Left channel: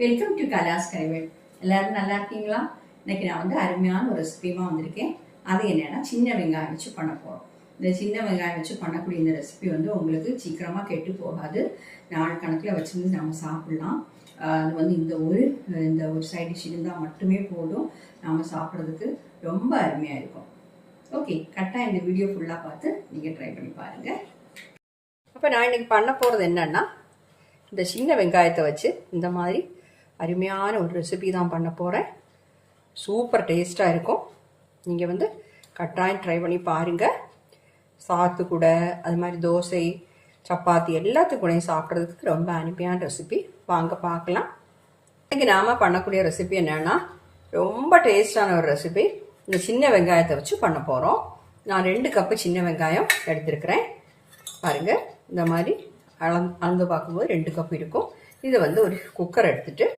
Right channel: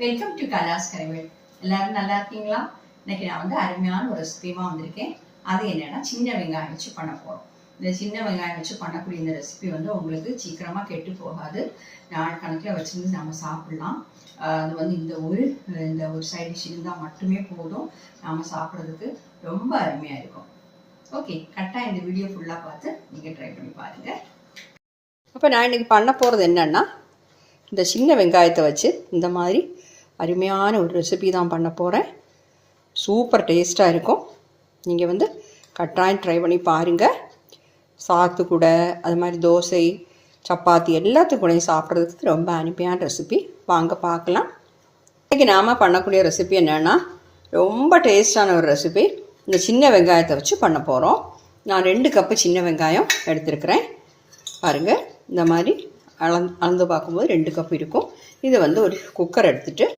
Welcome to கலாஸ் கரைவேல். எல்லாரும் நல்லா இருக்கீங்களா? இன்னைக்கு நான் அருமையான ஒரு ரெசிபியாக வந்திருக்கேன். அது என்னன்னா சின்ன வெங்காயம் வச்சு பண்ண போகிறோம். இந்த சின்ன வெங்காயம் வச்சு பண்ணக்கூடிய இந்த ரெசிபி உங்களுக்கு சீக்கிரமாக கெட்டு போகாது. நாள் கணக்கில் வச்சுருந்து நம்ம சாப்பிட்லாம். அது இந்த ஒரு சைட் டிஷ் இருந்தால் மட்டுமே போதும், நாம் சாப்பிட்றதுக்கு ரொம்ப அருமையாக இருக்கும். ஓகே, கரெக்டாக இந்த வீடியோ ஃபுல்லாக பார்த்து நீங்கள் ட்ரை பண்ணி பாருங்கள். அப்போ நான் இன்றைக்கி பண்ண போகிறது என்னென்னா, இந்த சின்ன வெங்காயத்தை வச்சு இந்த மாதிரி அருமையான ஒரு ரெசிபி தான் பண்ண போகிறேன். சூப்பர் டேஸ்ட்டாக இருக்கும். நீங்கள் கட்டாயம் ட்ரை பண்ணி பாருங்கள். சாத்து கூட, அது மாதிரி தோசை, சப்பாத்தி எல்லாத்துக்கூடையும் சாப்பிட்றதுக்கு ரொம்ப அருமையான ரெசிபி. வாங்க பார்க்கலாம். இன்றைக்கி நாம் பண்ணக்கூடிய ரெசிபி என்னென்னா, ரொம்ப டேஸ்டான ஒரு ரெசிபி. இந்த சின்ன வெங்காயத்தை வச்சு பண்ண போகிறோம். நான் 2 கப்பு சின்ன வெங்காயம் எடுத்துருக்கிறேன். பாருங்கள், இந்த மாதிரி அளந்து பார்க்கும்போது 2 கப் இருக்கும். இது ஒரு குக்கர் எடுத்துகிட்டு